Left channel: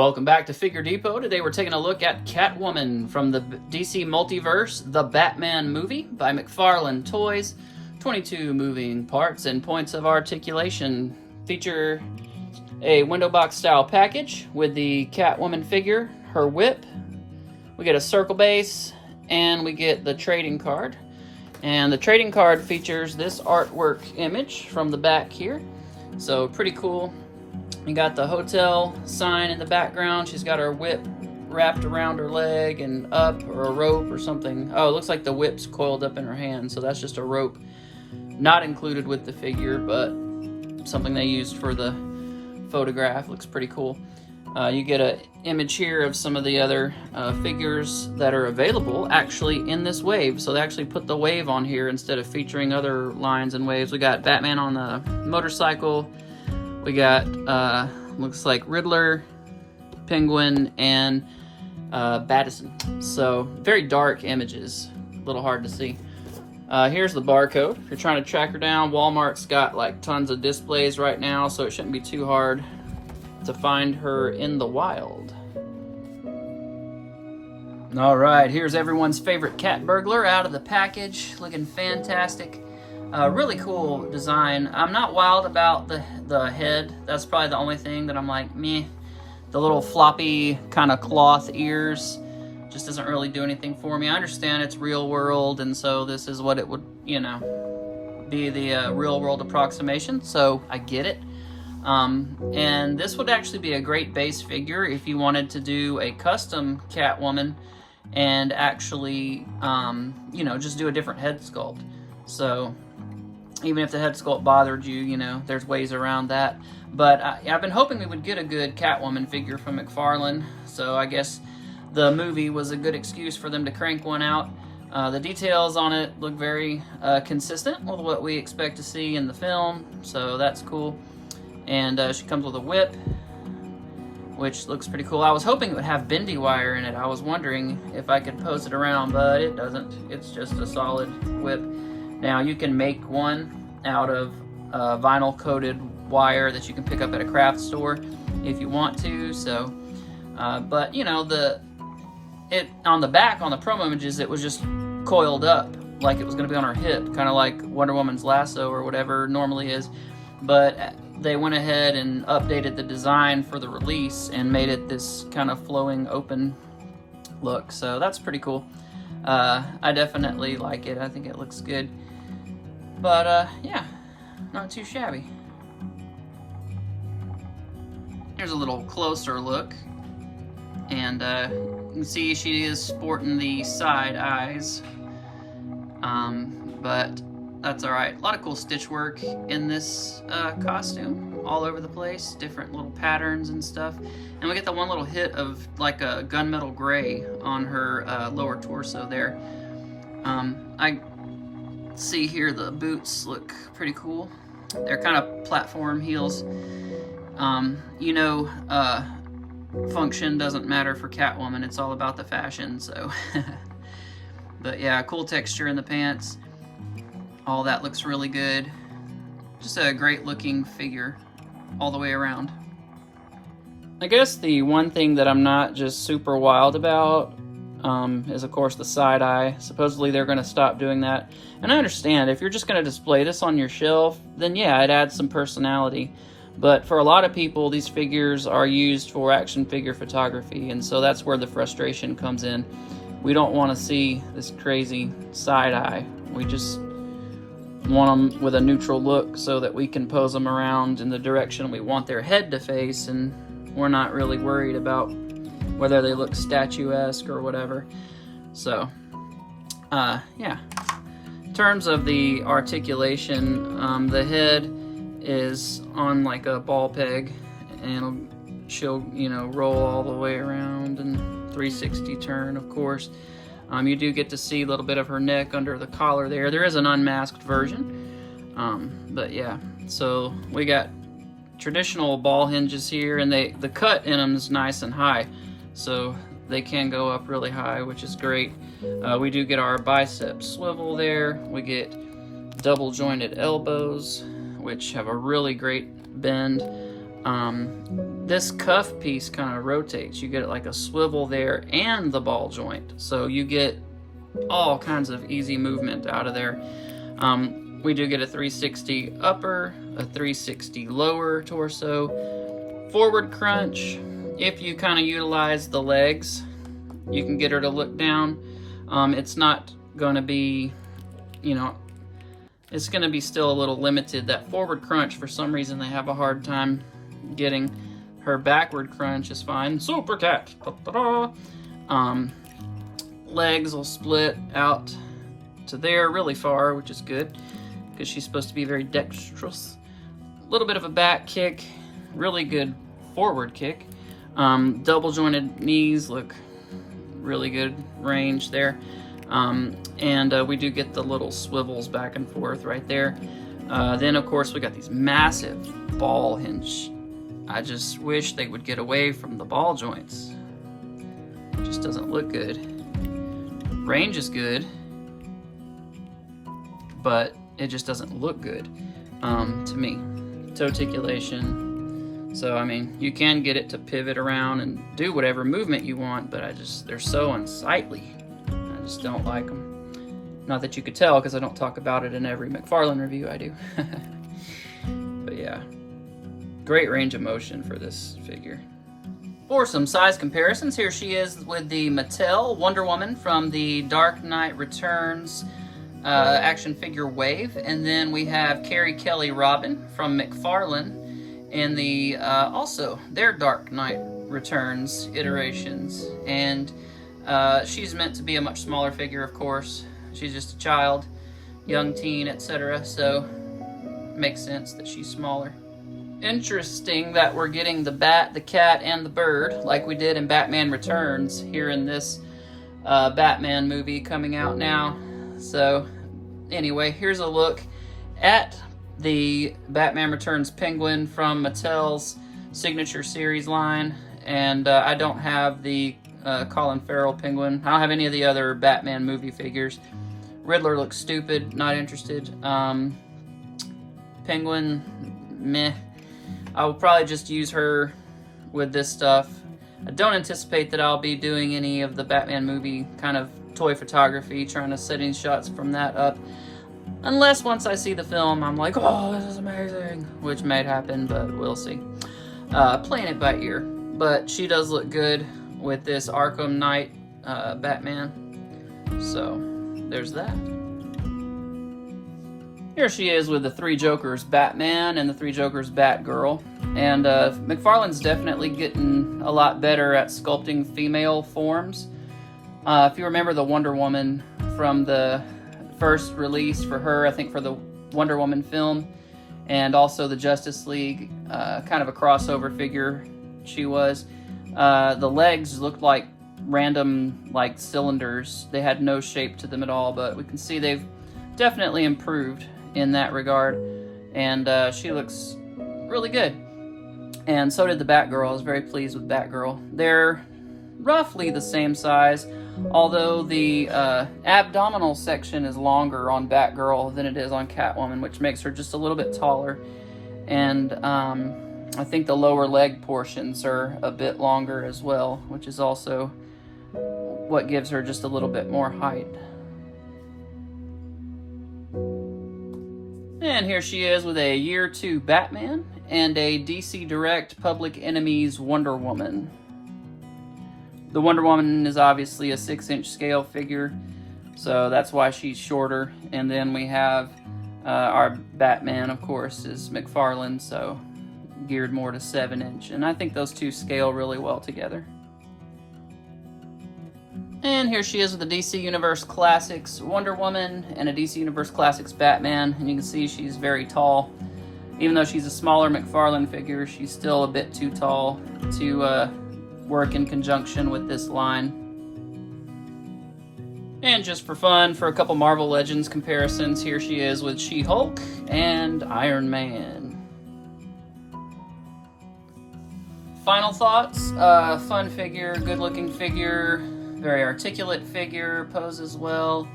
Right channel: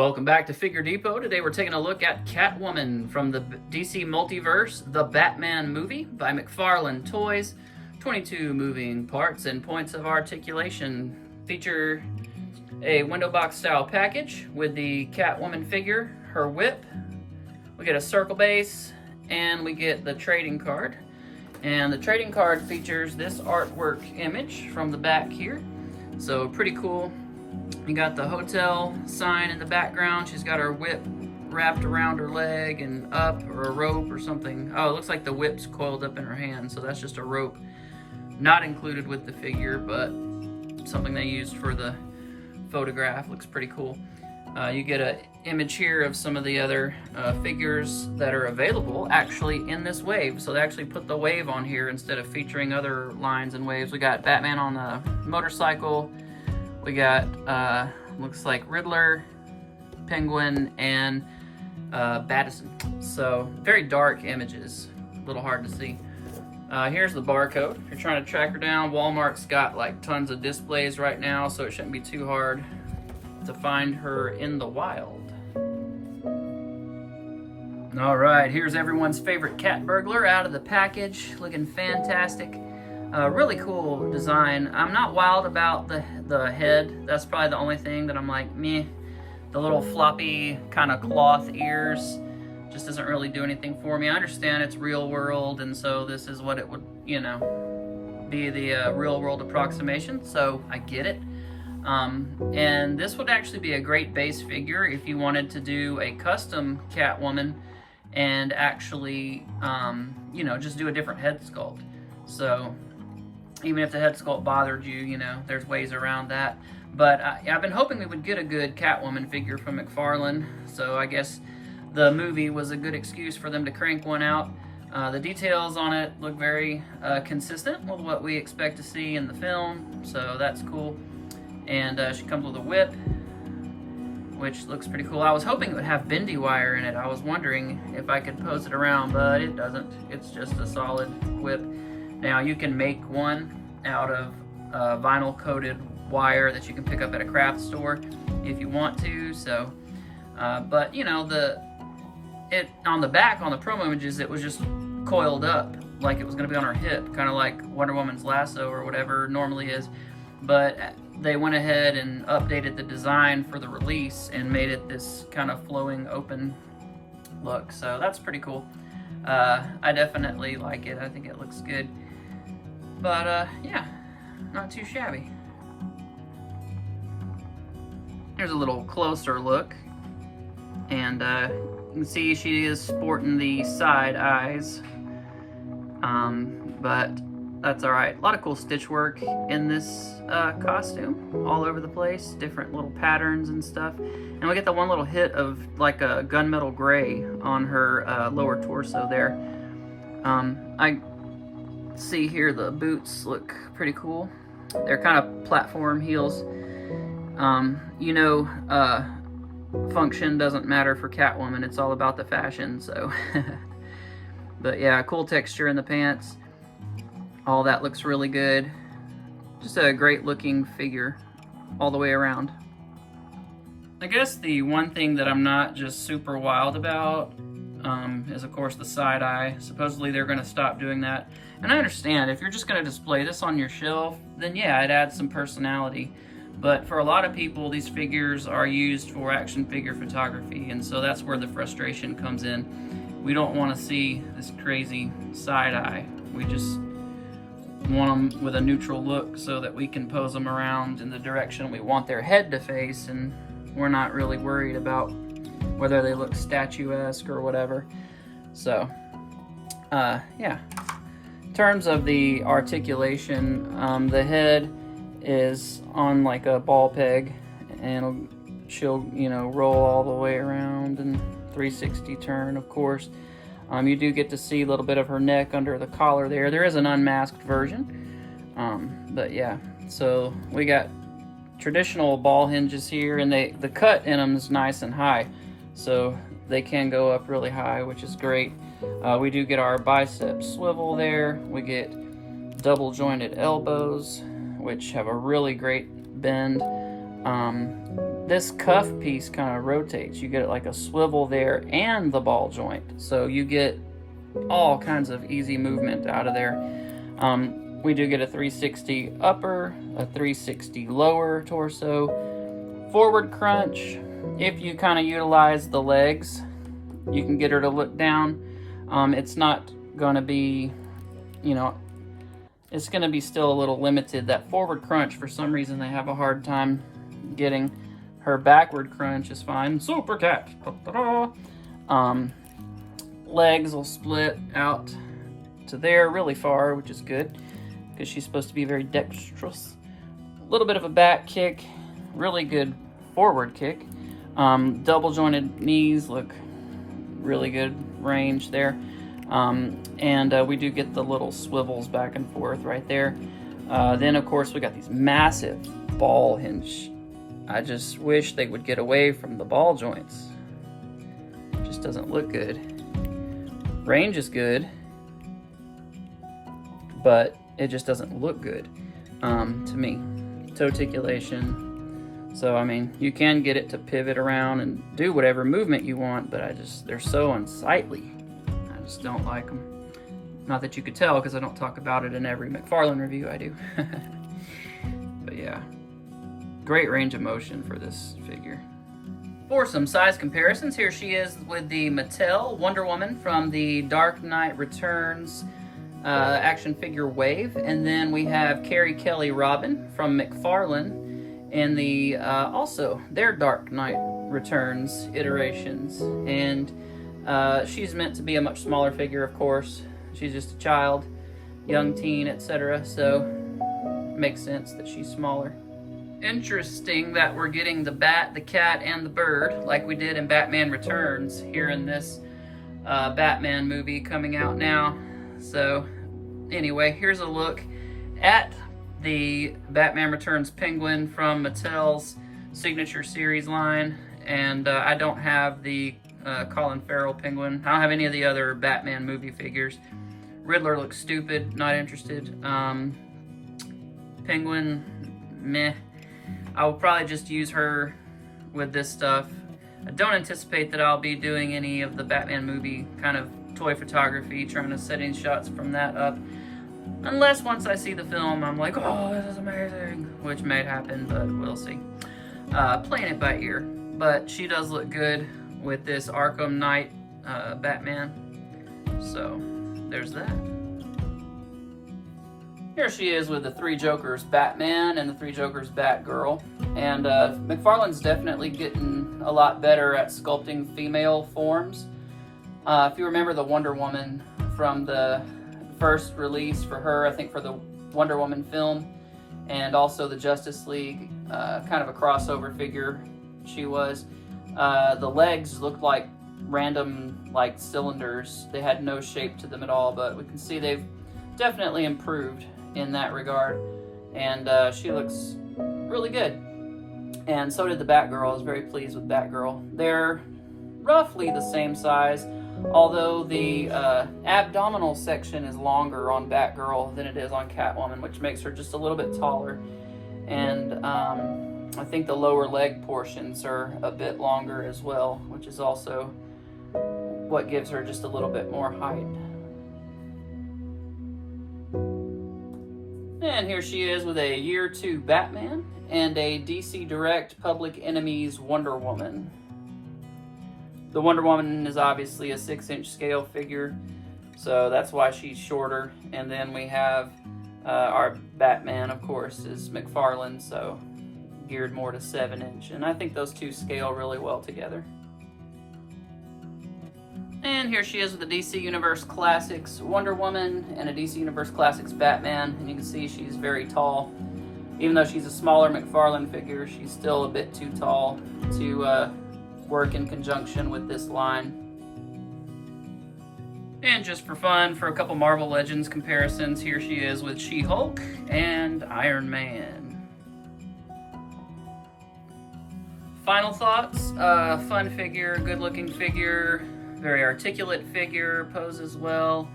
Welcome back to Figure Depot. Today we're taking a look at Catwoman from the DC Multiverse, the Batman movie by McFarlane Toys. 22 moving parts and points of articulation. Feature a window box style package with the Catwoman figure, her whip. We get a circle base and we get the trading card. And the trading card features this artwork image from the back here. So pretty cool. You got the hotel sign in the background. She's got her whip wrapped around her leg and up, or a rope or something. Oh, it looks like the whip's coiled up in her hand, so that's just a rope. Not included with the figure, but something they used for the photograph. Looks pretty cool. You get an image here of some of the other figures that are available actually in this wave. So they actually put the wave on here instead of featuring other lines and waves. We got Batman on a motorcycle. We got, looks like Riddler, Penguin, and Battison. So, very dark images. A little hard to see. Here's the barcode. If you're trying to track her down, Walmart's got like tons of displays right now, so it shouldn't be too hard to find her in the wild. All right, here's everyone's favorite cat burglar out of the package. Looking fantastic. Really cool design. I'm not wild about the head. That's probably the only thing that I'm like, meh. The little floppy kind of cloth ears just doesn't really do anything for me. I understand it's real world, and so this is what it would, you know, be the real world approximation, so I get it. And this would actually be a great base figure if you wanted to do a custom Catwoman and actually, you know, just do a different head sculpt. So even if the head sculpt bothered you, you know, there's ways around that. But I've been hoping we would get a good Catwoman figure from McFarlane, so I guess the movie was a good excuse for them to crank one out. The details on it look very consistent with what we expect to see in the film, so that's cool. And she comes with a whip, which looks pretty cool. I was hoping it would have bendy wire in it. I was wondering if I could pose it around, but it doesn't. It's just a solid whip. Now you can make one out of vinyl coated wire that you can pick up at a craft store if you want to. So, but you know, on the back on the promo images, it was just coiled up like it was going to be on her hip, kind of like Wonder Woman's lasso or whatever normally is. But they went ahead and updated the design for the release and made it this kind of flowing open look. So that's pretty cool. I definitely like it. I think it looks good. But yeah, not too shabby. Here's a little closer look. And you can see she is sporting the side eyes. But that's alright. A lot of cool stitch work in this costume. All over the place. Different little patterns and stuff. And we get the one little hit of like a gunmetal gray on her lower torso there. I see here the boots look pretty cool. They're kind of platform heels. You know, function doesn't matter for Catwoman. It's all about the fashion, so. But yeah, cool texture in the pants. All that looks really good. Just a great looking figure all the way around. I guess the one thing that I'm not just super wild about is of course the side eye. Supposedly they're going to stop doing that. And I understand, if you're just going to display this on your shelf, then yeah, it adds some personality. But for a lot of people, these figures are used for action figure photography, and so that's where the frustration comes in. We don't want to see this crazy side eye. We just want them with a neutral look so that we can pose them around in the direction we want their head to face, and we're not really worried about whether they look statuesque or whatever. So, yeah. In terms of the articulation, the head is on like a ball peg, and she'll, you know, roll all the way around and 360 turn, of course. You do get to see a little bit of her neck under the collar there. There is an unmasked version, but yeah. So we got traditional ball hinges here, and the cut in them is nice and high, so they can go up really high, which is great. We do get our bicep swivel there. We get double jointed elbows, which have a really great bend. this cuff piece kind of rotates. You get like a swivel there and the ball joint. So you get all kinds of easy movement out of there. We do get a 360 upper, a 360 lower torso, forward crunch. If you kind of utilize the legs, you can get her to look down. It's not going to be, you know, it's going to be still a little limited. That forward crunch, for some reason, they have a hard time getting. Her backward crunch is fine. Super cat. Legs will split out to there really far, which is good because she's supposed to be very dexterous. A little bit of a back kick, really good forward kick. Double jointed knees look really good range there. And we do get the little swivels back and forth right there. Then of course we got these massive ball hinge. I just wish they would get away from the ball joints. It just doesn't look good. Range is good, but it just doesn't look good to me. Toe articulation. So I mean, you can get it to pivot around and do whatever movement you want, but they're so unsightly. I just don't like them. Not that you could tell, because I don't talk about it in every McFarlane review I do. But yeah, great range of motion for this figure. For some size comparisons, here she is with the Mattel Wonder Woman from the Dark Knight Returns action figure wave, and then we have Carrie Kelly Robin from McFarlane in the also their Dark Knight Returns iterations, and she's meant to be a much smaller figure, of course. She's just a child, young teen, etc. So makes sense that she's smaller. Interesting that we're getting the bat, the cat, and the bird like we did in Batman Returns here in this Batman movie coming out now. So anyway, here's a look at the Batman Returns penguin from Mattel's Signature Series line. And I don't have the Colin Farrell penguin. I don't have any of the other Batman movie figures. Riddler looks stupid, not interested. Penguin, meh. I will probably just use her with this stuff. I don't anticipate that I'll be doing any of the Batman movie kind of toy photography, trying to set in shots from that up. Unless once I see the film, I'm like, oh, this is amazing. Which may happen, but we'll see. Playing it by ear. But she does look good with this Arkham Knight Batman. So, there's that. Here she is with the Three Jokers Batman and the Three Jokers Batgirl. And McFarlane's definitely getting a lot better at sculpting female forms. If you remember the Wonder Woman from the first release for her, I think for the Wonder Woman film, and also the Justice League, kind of a crossover figure she was. The legs looked like random like cylinders. They had no shape to them at all, but we can see they've definitely improved in that regard, and she looks really good. And so did the Batgirl. I was very pleased with Batgirl. They're roughly the same size, although the abdominal section is longer on Batgirl than it is on Catwoman, which makes her just a little bit taller. And I think the lower leg portions are a bit longer as well, which is also what gives her just a little bit more height. And here she is with a Year 2 Batman and a DC Direct Public Enemies Wonder Woman. The Wonder Woman is obviously a 6-inch scale figure, so that's why she's shorter. And then we have our Batman, of course, is McFarlane, so geared more to 7-inch. And I think those two scale really well together. And here she is with a DC Universe Classics Wonder Woman and a DC Universe Classics Batman. And you can see she's very tall. Even though she's a smaller McFarlane figure, she's still a bit too tall to work in conjunction with this line. And just for fun, for a couple Marvel Legends comparisons, here she is with She-Hulk and Iron Man. Final thoughts, fun figure, good looking figure, very articulate figure, poses well.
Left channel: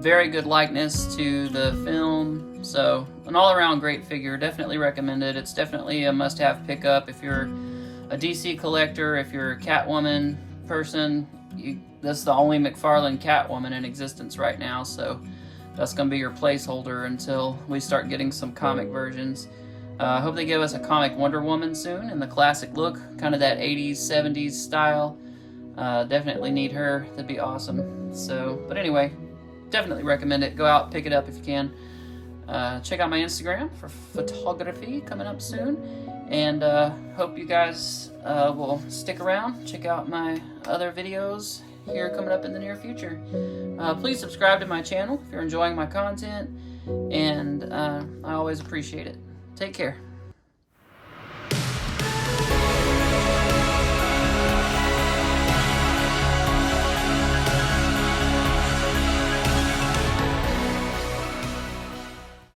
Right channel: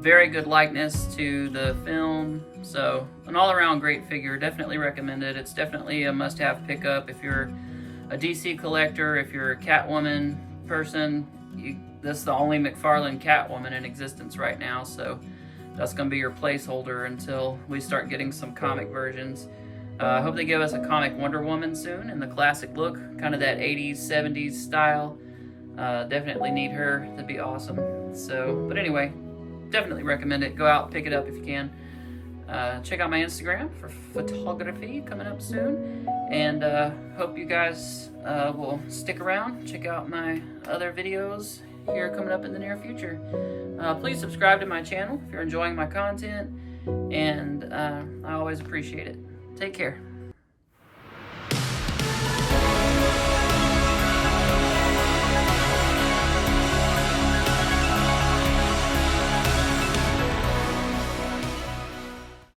very good likeness to the film. So an all-around great figure. Definitely recommend it. It's definitely a must-have pickup if you're a DC collector, if you're a Catwoman person. This is the only McFarlane Catwoman in existence right now, so that's going to be your placeholder until we start getting some comic versions. I hope they give us a comic Wonder Woman soon in the classic look, kind of that 80s, 70s style. Definitely need her. That'd be awesome. So, but anyway, definitely recommend it. Go out, pick it up if you can. Check out my Instagram for photography coming up soon. And hope you guys will stick around. Check out my other videos here coming up in the near future. Please subscribe to my channel if you're enjoying my content. And I always appreciate it. Take care.